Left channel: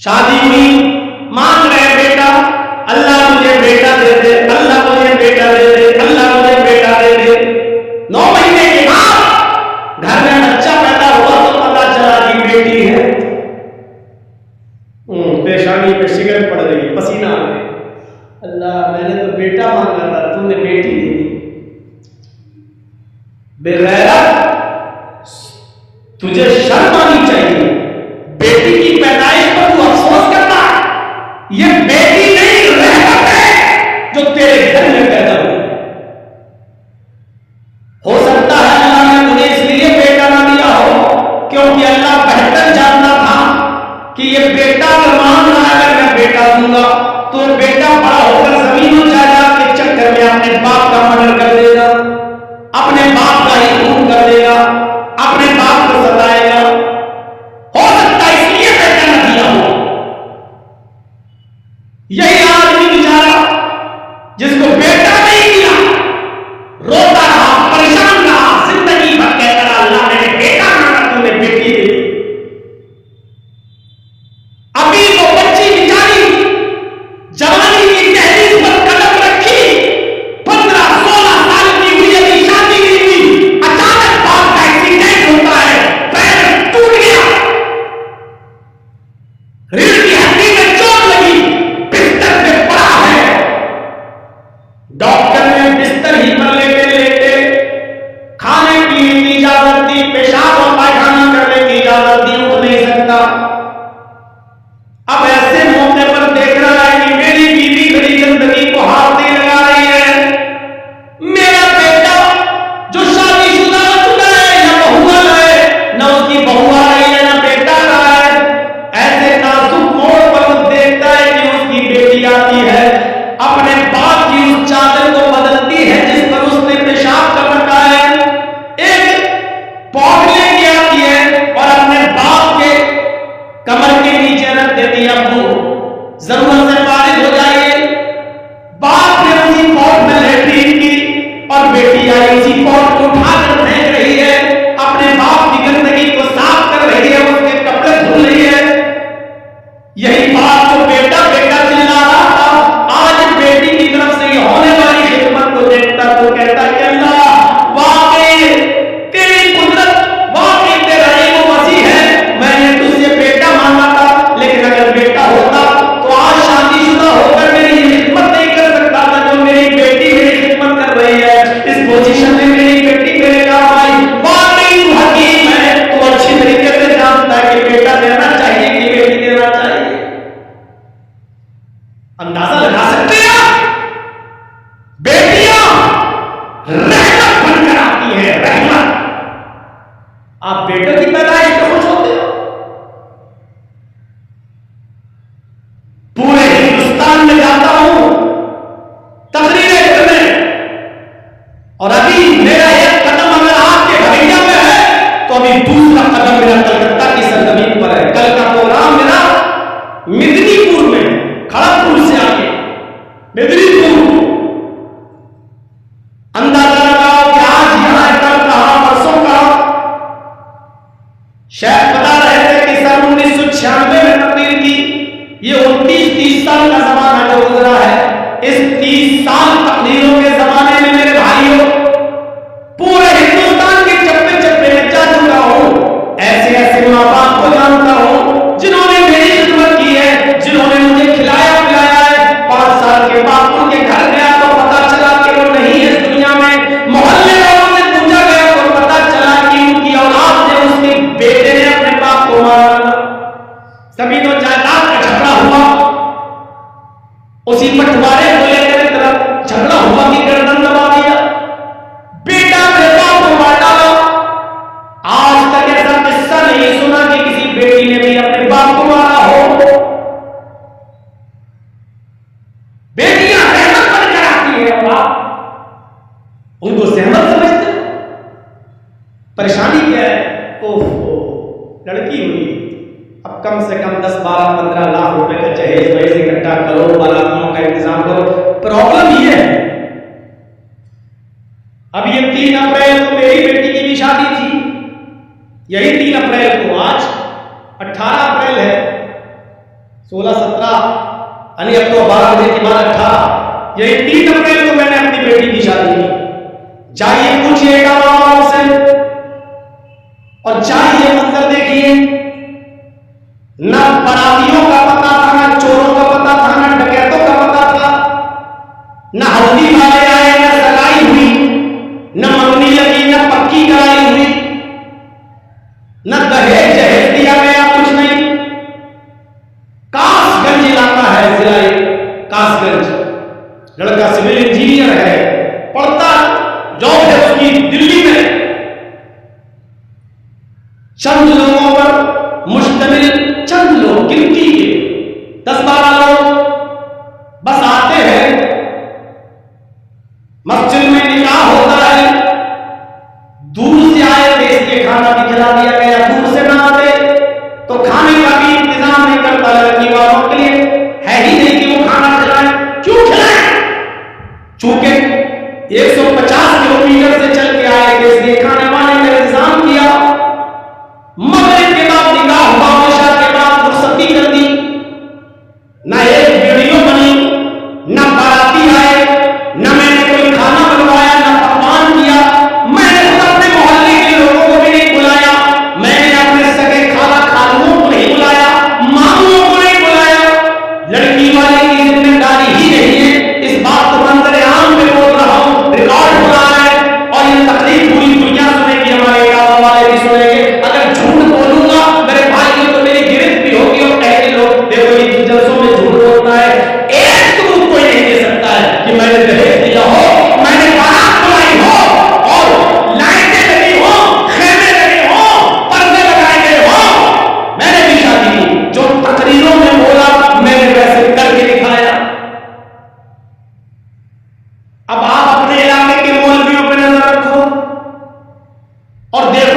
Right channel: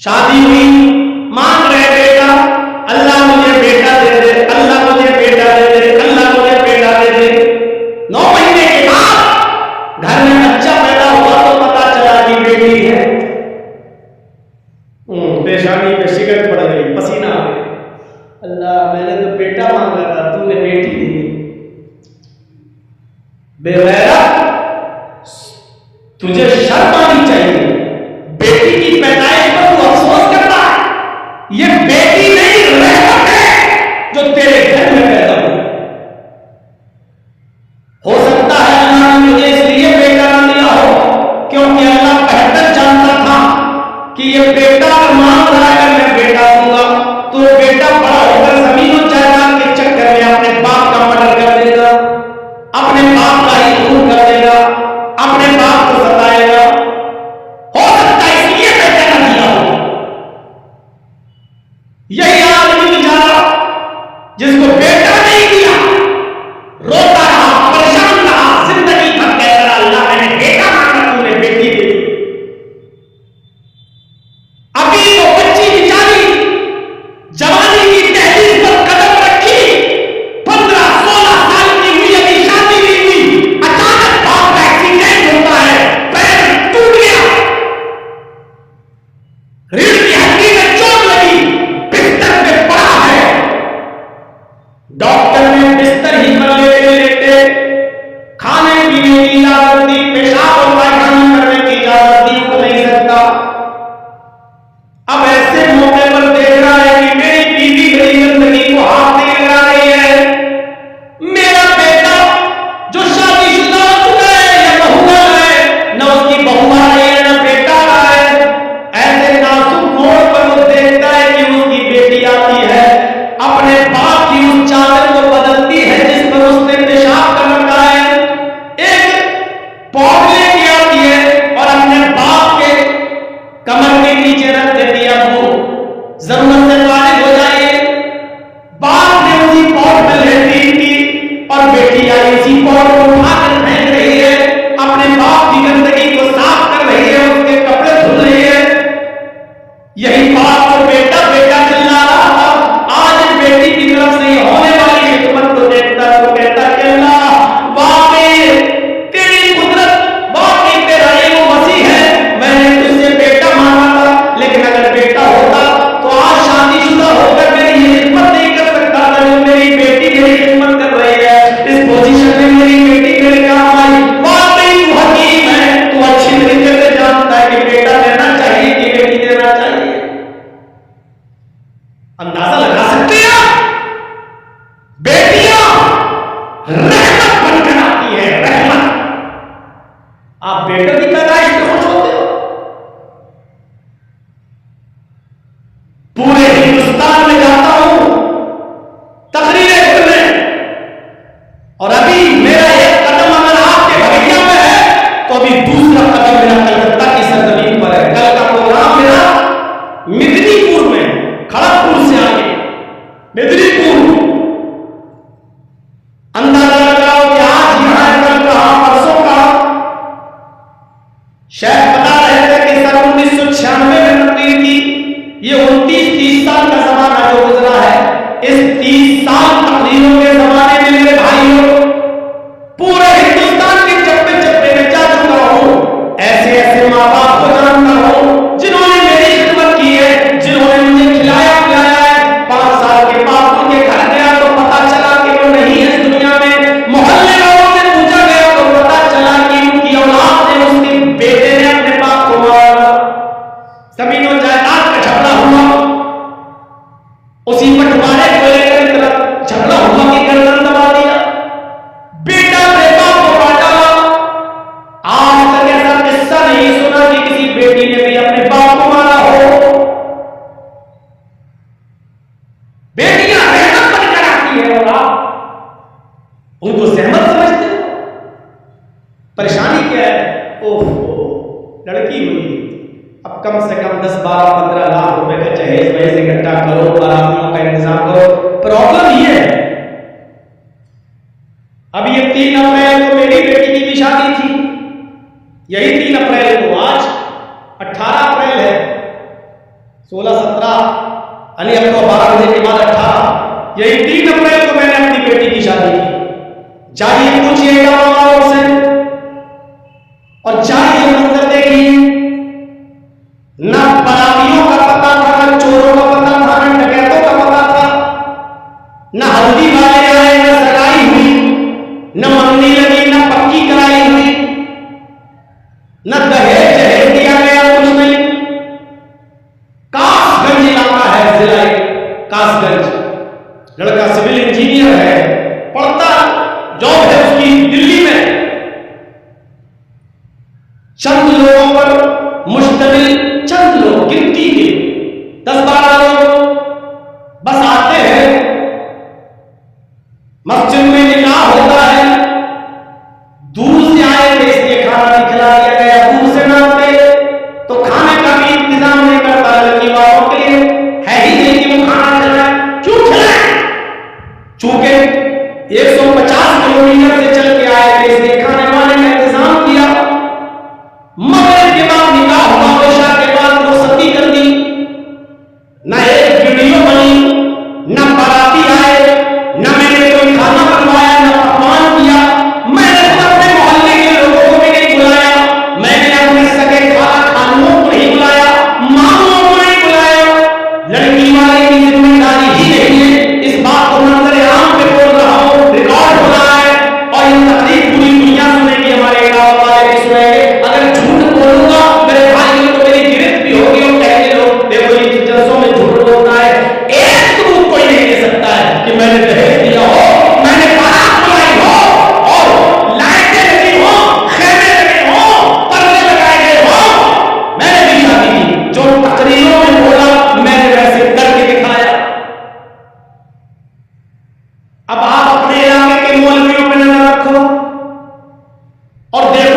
شادی ہوئی، مانگ رہے بیٹا، اللہ مجھے بیٹا دے دے، اللہ مجھے بیٹا دے دے، اللہ مجھے بیٹا دے دے۔ 9 مہینے کے بعد گھر میں بچہ پیدا ہوا تو پتا چلا کہ بیٹی ہے۔ پیشانی پہ شکن پڑ گئی، پسینہ آ گیا، اللہ میں نے تو بیٹا مانگا تھا، تو نے بیٹی دے دی۔ بے غیرت، تجھے شرم آنی چاہیے، بیٹی کی پیدائش پر تو افسوس کرتا ہے، یہ بیٹی نہیں رحمت ہے جو تیرے گھر میں پیدا ہوئی۔ ہو سکتا ہے اللہ نے تجھے اس لیے بیٹا نہ دیا ہو کیونکہ اللہ بہتر جانتا تھا کہ یہ بیٹا اگر مانگ رہا ہے، اگر میں بیٹا دوں گا تو بیٹا بڑا ہو کر زمین و جائیداد کے چکر میں اپنے باپ کا مرڈر کر دے گا، اپنے باپ کا ہی خون کر دے گا، اپنے باپ کو ستائے گا۔ ہو سکتا ہے اس لیے بیٹا نہ دیا ہو۔ یہی آدمی بیچارہ جس کو بیٹا نہیں دیا روتا رہا، پریشان رہا، زندگی بھر کہتا رہا اللہ میں نے بیٹا مانگا، تو نے بیٹی دے دی۔ ابھی وہ بچی بیچاری جوانی کی دہلیز پر قدم رکھی، 15-16 سال کی ہوئی، ابھی شادی نہیں ہوئی، اچانک باپ کا ایکسیڈنٹ ہوتا ہے، پیر ٹوٹ گیا، ریڑھ کی ہڈی میں چوٹ لگی، بستر پہ پڑا ہے۔ ڈاکٹر نے بستر ہی پر لیٹے لیٹے کھانے پینے کی اجازت دی، پیشاب اور پائخانہ کرنے کی اجازت دی، اٹھ نہیں سکتا۔ اب ایسے موقع پر دیکھ رہا ہے کہ میری بیوی میری زندگی کو ہاتھ نہیں لگا رہی ہے، میرا بیٹا جو شادی شدہ ہو چکا ہے یا بہو والا ہے، نہ اس کی بہو آ رہی ہے نہ بیٹا آ رہا ہے۔ ایسے نازک موڑ پر وہ دیکھتا ہے کہ اس کی بیٹی آتی ہے، اپنے باپ کی اس چادر کو بدلتی ہے جس پر اس نے پیشاب کر رکھا ہے، ایک پاٹ لے کے آتی ہے اور اپنے باپ کے کمر کے نیچے رکھ دیتی ہے، ابو ضرورت سے فارغ ہو جائیے۔ باپ نے اسی پاٹ میں لیٹرین کی اور بیٹی آئی اسی پاٹ کو اٹھا کر پھینک رہی ہے، اپنے باپ کی گندگی کو صاف کر رہی ہے، اس کے کپڑے دھل رہی ہے۔ یہی باپ جو بیٹا بیٹا چلا رہا تھا، آج بیٹی کی طرف سے یہ ہونے والی خدمت کو دیکھتا تو کہتا کہ اللہ واقعی تیری قدرت، واقعی تیرا علم وسیع ہے، میں نے تجھ سے بیٹا مانگا تھا، لیکن اگر بیٹا ہوتا تو آج شادی شدہ ہو کر میری یہ خدمت نہیں کر سکتا تھا جو میری بیٹی میری خدمت کر رہی ہے، اس پوزیشن میں میری بیٹی میرے کام آئی۔ واقعی تو حکیم ہے، تو اچھی طریقے سے جانتا ہے کہ بیٹا دینا چاہیے کہ بیٹی دینا چاہیے۔ اندازہ لگا سکتے ہیں بیٹیاں رحمت بن کر آتی ہیں، رحمت۔ آپ بیٹوں کی پیدائش پہ خوش ہوتے ہو؟ پورے ہندوستان میں جاتا ہوں تقریریں کرنے، اور ابھی میرا ایک قدم اگر آپ کے بھویہ میں ہے تو ابھی دوسرا قدم میرا کلکتہ کی سرزمین پر ہے۔ کل کا پروگرام میرا مدنی پور میں، کھڑگپور سے آگے مدنی پور۔ اندازہ لگاؤ کہ آج یہاں ہے، کل کہاں، پرسوں کہاں۔ شیخ بتا رہے تھے کہ سن 1996 میں تقریر کی، یہ 29-30 سال کا زمانہ جو گزرا ہے، اس 30 سال تقریروں کے زمانے میں میرے بھائیوں پورے ہندوستان کے چپے چپے میں جا چکا ہوں، ایسے ایسے ماں باپ کو جانتا ہوں جنہوں نے میری خدمت کی ہے، جنہوں نے مجھے کھلایا پلایا ہے۔ 5 سال کے بعد ان کے گھر گیا تو پتا چلا کہ وہ نہیں ہے اس دنیا میں، محلے والوں سے پوچھا گیا تو پتا چلا کہ ان کی اولاد نے، اس کے بیٹے نے اپنے باپ کو مارا، زمین و جائیداد کا جھگڑا ہوا، اسی بٹوارے کو لے کر اتنا جھگڑا ہوا کہ گردن دبا دیا، بیٹا اپنے باپ کو مار ڈالا۔ آج تک ایسا قصہ نہیں سنا کہ کسی بیٹی نے بھی اپنے باپ کو مارا ہو۔ بیٹیاں رحمت بن کر آتی ہے، اور آپ ان کو زحمت سمجھتے ہو۔ پریشانی کیا ہے؟ اوہو، لڑکی ہوئی، اب کم سے کم 10-12-15 لاکھ روپے کا جہیز وہیز اکٹھا کرو، باراتیوں کا انتظام کرو۔ پرابلم یہ ہے، اب یہ 3 اپریل کو میری بیٹی کی بھی شادی تھی، یہی 3 اپریل کو، آج 18 اپریل ہے، 16-17 یعنی اب تو 12 بجے کے بعد 18، یہی 3 اپریل کو میں نے اپنی بیٹی کی شادی کی۔ جائیے پوچھئے اٹاوا والوں سے اور جائیے منظر دیکھیے، نہ براتیوں کا پتہ تھا، نہ چوروں کا پتہ تھا، نہ ڈکیتوں کا پتہ تھا، نہ ہلدی والے آئے، نہ سگائی ہوئی، نہ منگنی لگی، نہ پکی کرائی ہوئی، نہ دہیج جہیز دیا گیا، کچھ نہیں۔ کاس گنج علاقہ ہے، ضلع کاس گنج، لڑکا سول انجینئر ہے، پڑھتا جاب ہے اس کی دلی میں، چند لوگوں پر مشتمل، چند لوگ گنتی کے 10-12 لوگ بس آتے ہیں، مسجد میں نکاح ہوتا ہے، دور سے آئے تھے اس لیے کھانا بھی کھلا دیا گیا، دور سے نہ آتے تو کھانے کا بھی انتظام نہیں کرتا، لڑکی والوں کے لیے ہے ہی نہیں کہ وہ کھانا کھلائے، کیوں کھلائے؟ چونکہ 150 کلومیٹر سے چل کے آئے تھے اس لیے کھانے وانے کا انتظام کیا۔ مغرب کے بعد نکاح ہوا، عشاء کے بعد رخصتی کر دی، نہ ایک ویڈیو بنی، نہ باراتی آئے، نہ میں نے کوئی کھانا بنوایا، نہ پکوان کیا، میں نے خود اپنے محلے کے لوگوں کو بھی نہیں بلایا، میں نے اپنے سگے خالہ خالوں کو نہیں بلایا، ماموں کو نہیں بلایا۔ لڑکی والے کی ذمہ داری ہی نہیں ہے، اس بات کو منظر عام پہ بول رہا ہوں، ریکارڈ ہو رہا ہے اور یہ تقریر پوری دنیا سنے گی، ہمارے اٹاوا والے بھی سنیں گے۔ اگر جھوٹ بولوں گا میرے بھائیوں تو میری گرفت بھی ہوگی اور کہیں گے لوگ دیکھو یہ جلسوں میں جھوٹ بولتا ہے۔ ایک ثبوت کوئی نہیں دے سکتا ہے کہ میں نے دہیج دیا ہو، میں نے بارات بلائی ہو اور لائٹیں لگی ہوں، خیمے لگے ہوں، پردے لگائے گئے ہوں، میں نے بھی شادی کی، جو تقریروں میں بولا میں نے ویسے کر کے دکھایا۔ اب آپ اپنے علاقے کے مولویوں پہ نظر رکھو اور دیکھو